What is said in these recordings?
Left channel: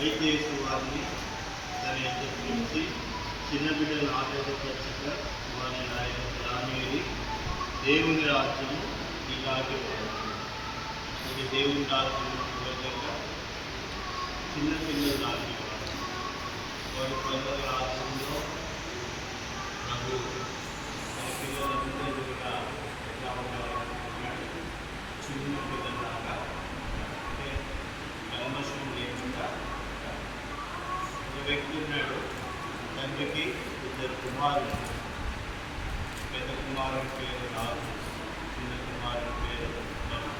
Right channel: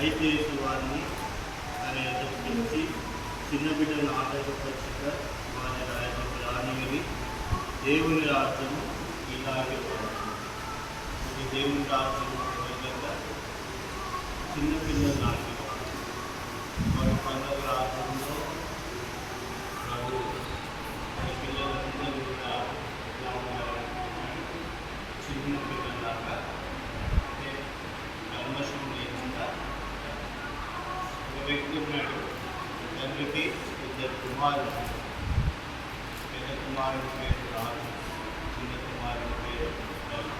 అయితే వారిని తన ఎదురు పిలిచి చిన్న బిడ్డలను ఆటోపరిచిక వారిని ఆయన రానిది దేవుని రాజ్యము ఇలాగే ఇది దేవుని రాజ్యం వెళ్ళగా చిన్న పిల్లలు నాటేవారు వారి పనుల రాజ్యంలో నాకు మన పిల్లలందరూ కూడా ఎలా ఉండాలంటే చిన్న పిల్లలాగా అంటే కల్మషం లేకుండా ఒక వ్యక్తి ఉన్నాడు. తండ్రికి ఇద్దరు కుమారులు. పెద్ద కుమారుడి పేరు రాజు, చిన్న కుమారుడి పేరు రవి.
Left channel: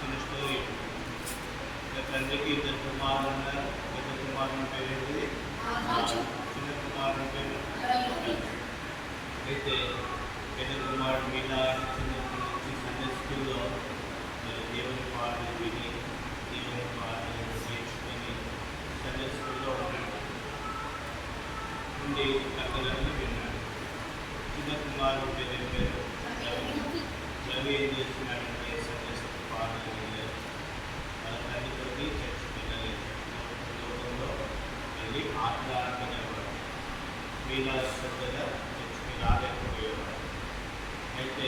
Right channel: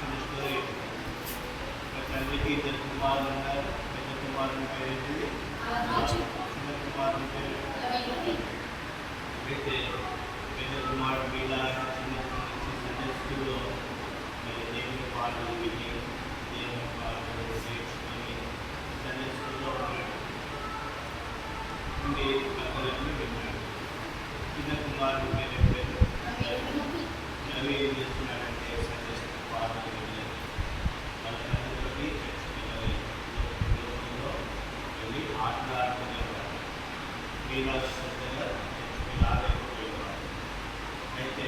చిన్న స్టోరీ. తండ్రికి ఇద్దరు కుమారులు ఉన్నారు. పెద్ద కుమారుడి పేరు రాజు, చిన్న కుమారుడి పేరు అయితే పెద్ద కుమారుడు మీద చిన్న సండే స్కూల్లో దేవుని పాటలు విని దేవుని పాటలు నేర్చుకొని సండే స్కూల్లో ఉండి కథలన్నీ విన్నాడు. చిన్న కుమారుడు పేరు రవి ఏం చేస్తున్నాడంటే సండే స్కూల్ పాటలు వినలేదు. వాళ్ళ తల్లితోటి చర్చికి వెళ్ళలేదు. వెళ్ళి ఆటలాడుతున్నారు. మీలా శ్రద్ధగా చర్చికి రాలేకపోయేవాడు. అయితే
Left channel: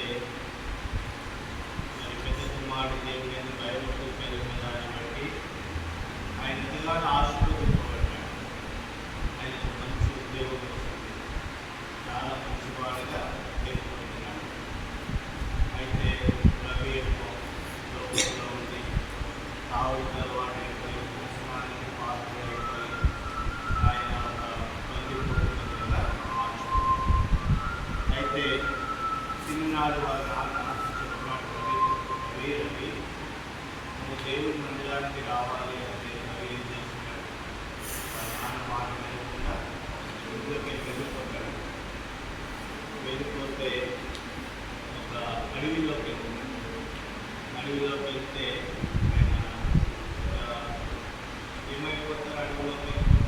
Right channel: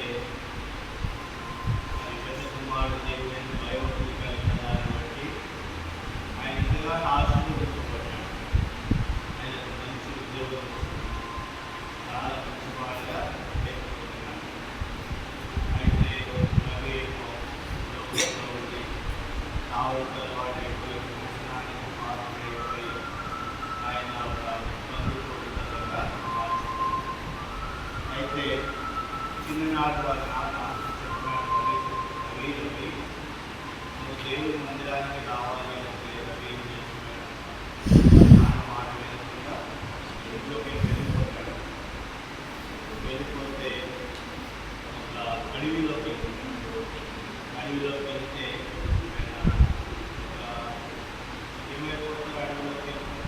పెద్ద కుమారుడు దేవుని భయభక్తులు కలిగిన దాన్ని బట్టి ఆయన ఎంతగానో ఆశీర్వదింపబడ్డాడు. ఆయన మంచి ఉద్యోగం చాలా మంచివాడుగా పేర్కొంటున్నాడు. అయితే రవి లోకంలో ఉండి కావలసిన అలవాటు అయిపోయి వ్యసనానికి పాత్రైపోయి ఆయన ఒక బంధువుగా మార్చుకున్నాడు. అయితే చిన్ననాడు వాళ్ళ నాన్న చెప్పినాడు, రవి నువ్వు దేవుడి మందిరానికి రావాలి అంటే రవి ఏం చేస్తున్నాడు? నాన్న మాట వినకుండా ఇంట్లోకి వెళ్ళిపోతాడు. వెళ్ళిపోతే ఒక అడవిలోకి వెళ్తాడు. అడవిలోకి వెళ్తే ఏమైపోతారు? అడవిలోకి వెళ్తే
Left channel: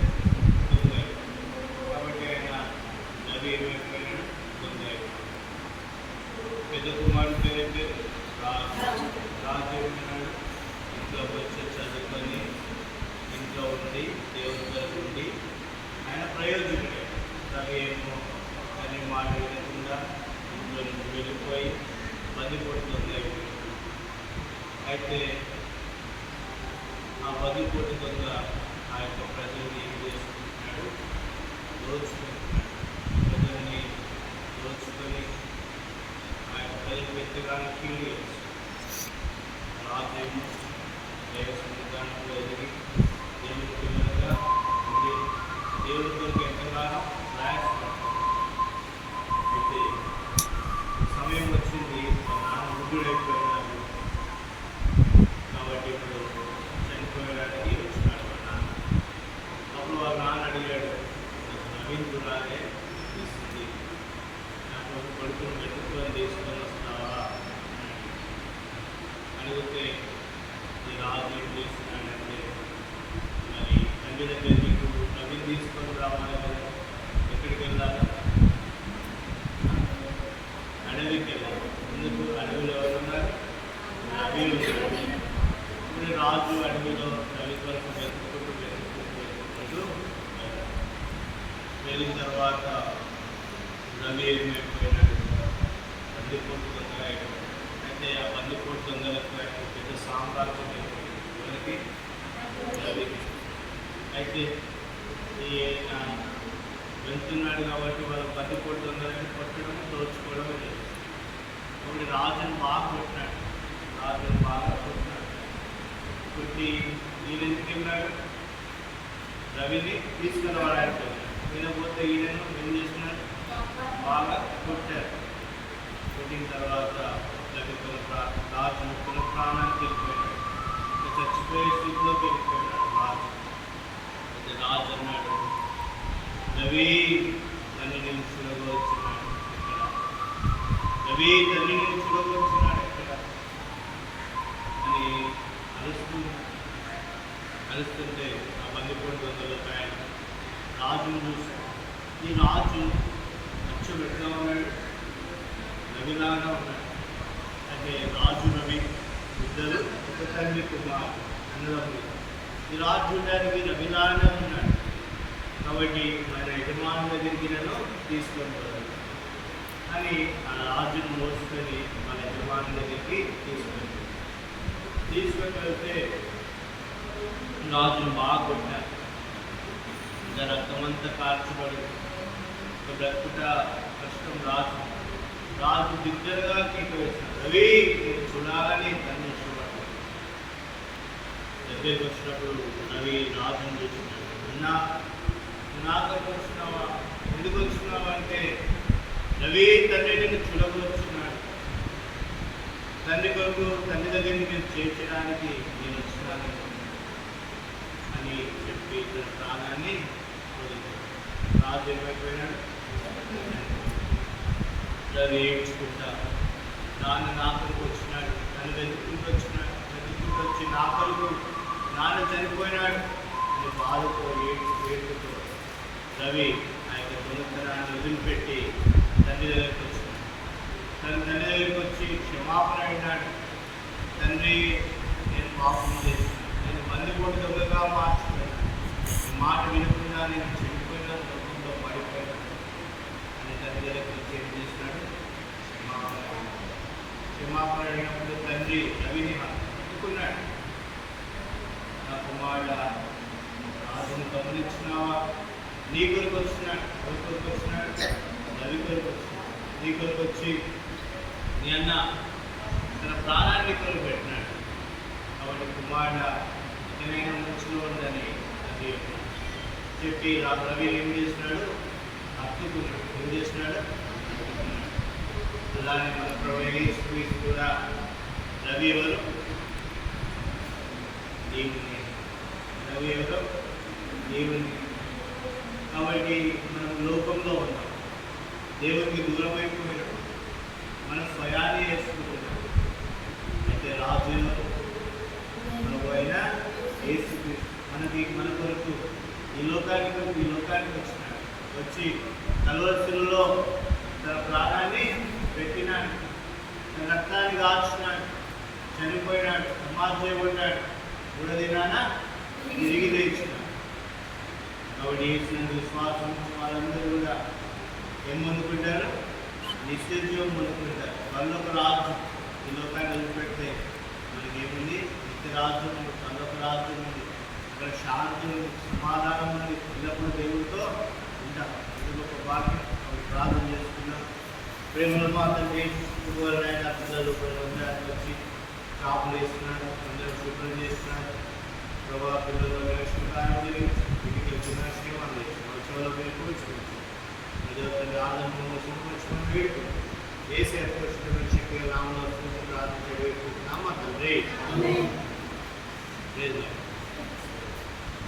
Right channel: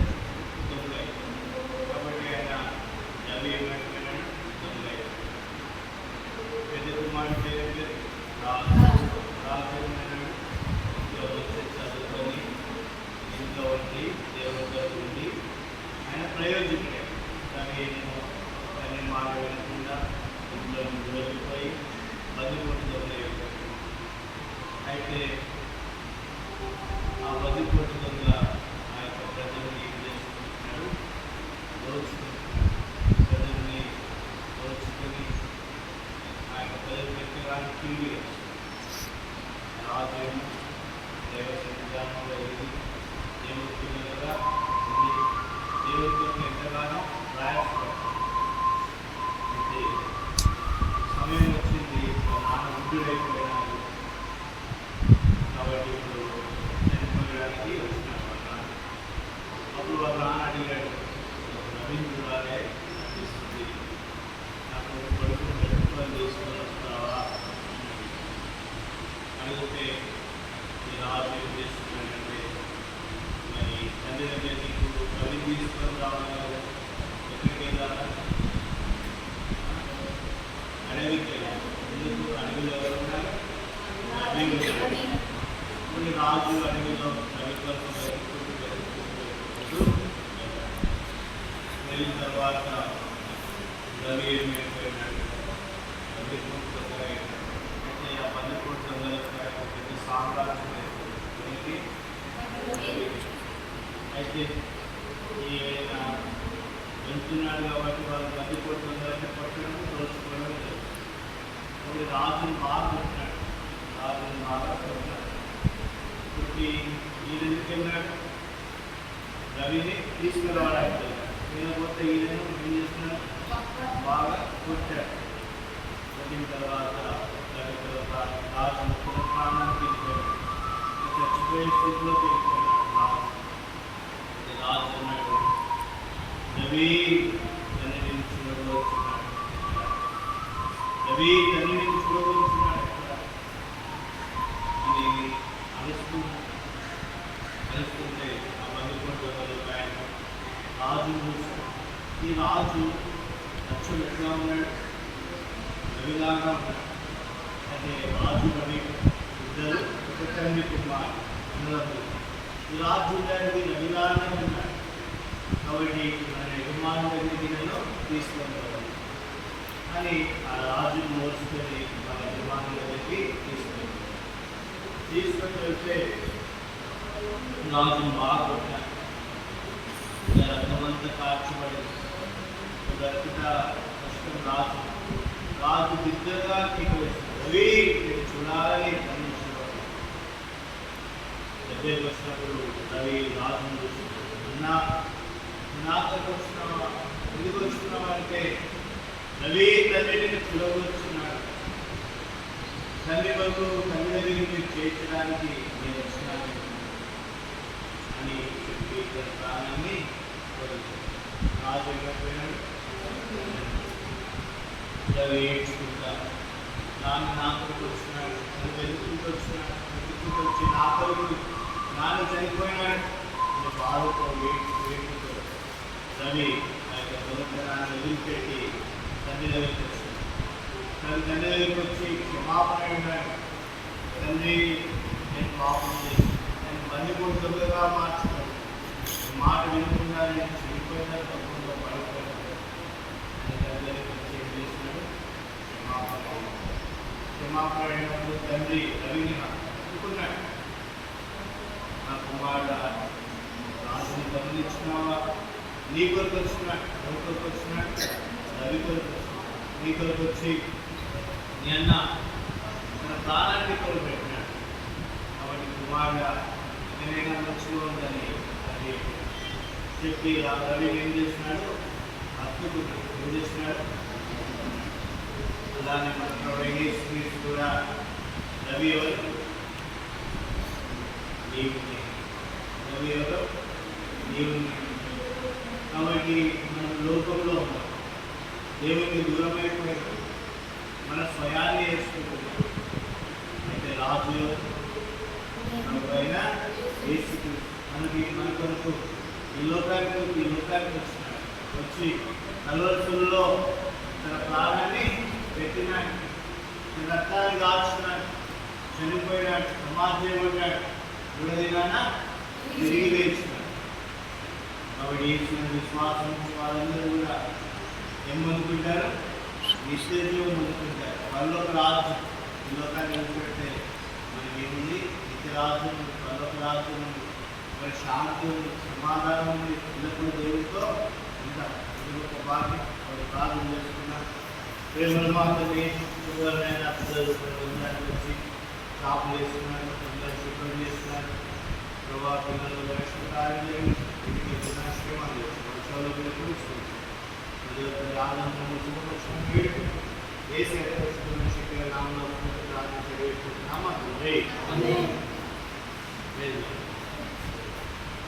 దొంగ. కాబట్టి ఆయన రవి ఏమైపోయినాడు? దొంగ. పెద్ద కుమారుడు పేరు రాజు. రాజు ఏమన్నాడు? ఇంట్లో వచ్చి చదువుకొని ఇంట్లో ఉండి దేవుడితో ఉండి ఆయన ప్రయోజకుడే. రవి ఏమో అని మాట వినకుండా ఇంట్లో నుంచి వెళ్ళిపోయి బదిపోటులో లేదు. అయితే ఆ బదిపోటు దొంగ ఆ యొక్క ప్రజల్ని ఏం చేసుకుంటున్నాడు? దోచుకుంటున్నాడు. ప్రజల్ని దోచుకొని ఆ యొక్క ప్రజలు ఎత్తగానే కీడు వేస్తాడు. రాజు ఏమో దైవ సన్నిధానంలో ఎదిగి దేవుడి పిల్లలుగా ఉండి దేవుడితో ఎంతగానో ప్రయాసపడతాడు. అయితే సమయం వచ్చింది, మా నాన్న వృద్ధుడైపోయినాడు కాబట్టి ఇప్పుడు చనిపోయడానికి వచ్చినాడు మా నాన్న. అప్పుడు వాళ్ళ నాన్న అడిగాడు, నవీనులాగే అనిపిస్తుంది, నాకు కొడుకుని పెట్టుకొని తీసుకొని వస్తావా అడిగితే ఈ రాజు ఏం చేస్తున్నాడంటే, మరి తల్లి దగ్గర నీకు రవి తీసుకొని రావాలి కదా, ఎక్కడికి వెళ్ళాలా? అడవికి వెళ్ళాలి. ఎందుకు? అడవిలో ఎవరున్నారు? రవి ఉన్నాడు. ఇప్పుడు రాజు అడవిలో రవి కోసం వెతుకుంటూ వెళ్ళిన తర్వాత రవి ఏమైపోయినాడు? బందిపోటు దొంగ అయినాడు. అయితే ఆ బందిపోటు దొంగలకు పెద్ద సామ్రాజ్యం మనకి. అయితే ఈ ఆయన వెళ్తున్నాడు కాబట్టి వాళ్ళు బందిపోటు దొంగలని కొట్టడం దోచుకోవడం లేదు. ఇప్పుడు రాజుని బాగా కొట్టినాడు. రాజుని బాగా కొట్టినాడు. కొట్టి ఈయన ఎందుకు వెళ్ళాడు? రవిని తీసుకురావడానికి వెళ్ళాడు. వినకపోతే ఈయనను ఏం చేసినాడు? బాగా కొట్టాడు. కొట్టిన తర్వాత రవి రాజు ప్రాణానికి వెళ్ళిపోయాడు. చచ్చిపోయే స్థితిలోకి వెళ్ళిపోయినాడు రాజు. రాజు అన్నాడు, రవి తల్లి నేను చూడవచ్చున్నాడు ఎక్కడ? రవి తల్లి నేను చూడవచ్చున్నాడు ఎక్కడ అని అరుస్తుంటే ఆ బందిపోటు దొంగలు రాజును చూశాడు. ఈ రాజు అచ్చం ఎట్లా ఉన్నాడు? రవిలాగా ఉన్నాడు. అయితే రాజు రవి ఇద్దరు ఒక తండ్రి కుమార్ అన్నదమ్ములు. ఈ రాజు దానికి రవిలానే ఉన్నాడు. కాబట్టి మన యజమాని దగ్గరికి నన్ను తీసుకొని పోవాలి అని ఆ రాజును మోసుకొని మన యజమాని దగ్గరికి తీసుకొని వెళ్తే రాజును బాగా కొట్టారు. రక్తమంతా కార్చబడి బ్రతుట కష్టం. రాజు బిగ్గరగా కేకవేస్తున్నాడు, రవి నేను చూడాలని తను దగ్గరికి వచ్చినప్పుడు రవి రాజును చూస్తున్నాడు. అన్నా నాకైతే వచ్చినావా, ఎందుకు వచ్చినావా అంటే రవి తండ్రిని చూడవచ్చున్నాడు. తండ్రి కొరకు తండ్రి దగ్గరికి నేను చేర్చడానికి నేను వచ్చినాను అని చెప్పి తన ప్రాణాన్ని రాజు ఏమైపోయినాడు. రవి ఏడ్చుకుంటా నా కొరకు వచ్చినాడు, నన్ను వెతుక్కుంటూ వచ్చినాడు, వెతుక్కుంటూ వచ్చి నా కొరకు నాన్న చనిపోయినాడు అని బాధతో ఏడుపుతో రవి ఆ యొక్క దొంగతనాన్ని వదిలిపెట్టి తండ్రి దగ్గరికి వచ్చినాడు. తండ్రి దగ్గరికి వచ్చి క్షమాపణ అయినాడు. తండ్రి నేను పాపం చేసి నేను బందిపోటు దొంగగా మార్చుకున్నాను, మాట వినకుండా నేను చనిపోయినా తప్పకుండా పడిపోయినాను అని తండ్రి దగ్గరికి వచ్చి ఏం చేసినాడు, క్షమాపణ అయినప్పుడు తండ్రి రవిని హత్తుకున్నాడు. నా కుమారుడు రాజుని గమనించినావా, నీ కొరకు వచ్చినాడు, ఎవరి కొరకు వచ్చినాడు, రవి కొరకు వచ్చినాడు. నీ కొరకు వచ్చి నీ అన్న తన ప్రాణాన్ని కొరకు పెట్టినాడు. కాబట్టి కుమారుడు ఏమైనా మంచిగా ఉందని అది చెప్పి రవి ఏం చేసినాడు, హత్తుకున్నాడు. ఏం చేసినాడు, అలానే మన ప్రవేశ కూడా రవి ఎవరు, దేవుని. రవి ఎవరు, దేవుని. కాబట్టి మనం లోకంలో ఉన్నాం, దేవునికి దూరమైపోయినాం, మన స్వయాన్ని వేసుకుంటున్నాం. అయితే రాజు ప్రభు అయిన యేసుక్రీస్తు మన కొరకు ఈ లోకానికి వచ్చినాడు. వచ్చి కల్వరిలో తన ప్రాణాన్ని పెట్టినాడు, తన రక్తాన్ని కాల్చినాడు, చనిపోయినాడు, సమాధి చేయబడ్డాడు, దినాన తిరిగి లేచినాడు. కాబట్టి వేసినందుకు విశ్వాసం వాళ్ళందరూ కూడా ఏం పొందుకుంటారు, నిత్యజీవం పొందుకుంటారు. వాళ్ళు ఒక రాజు ఈ లోకాన్ని వదిలిపెడితే మనకి ఏముంది, నిత్యరాజు ఉంది, వాళ్ళొక రాజు ఉంది, ఇక్కడ శాంతి ఉంది, సమాధానం ఉంది, ఎల్లప్పుడూ దేవుడితో ఉంటారు. ఇది ఒక భాగ్యం. వాళ్ళు ప్రార్థన చేసుకున్నారు. ప్రేమలు మాత్రం ఎవరైనా పిల్లలు వందనానికి వచ్చి కాపులు వేస్తున్నారు, అందరూ శుభ్రం చేస్తున్నారు. ప్రభావ పిల్లలు వేసుకుంటారని ఇంటికి పునఃశ్రమాలు చేస్తున్నారు. చెవులో పిలుపుకుంటున్నారు. ప్రజలతో ఆనందము శుభలక్ష్మణ్ వీడు వేసే శక్తిగా నామలో ప్రార్థించే వేడుకుంటున్నామా తండ్రి.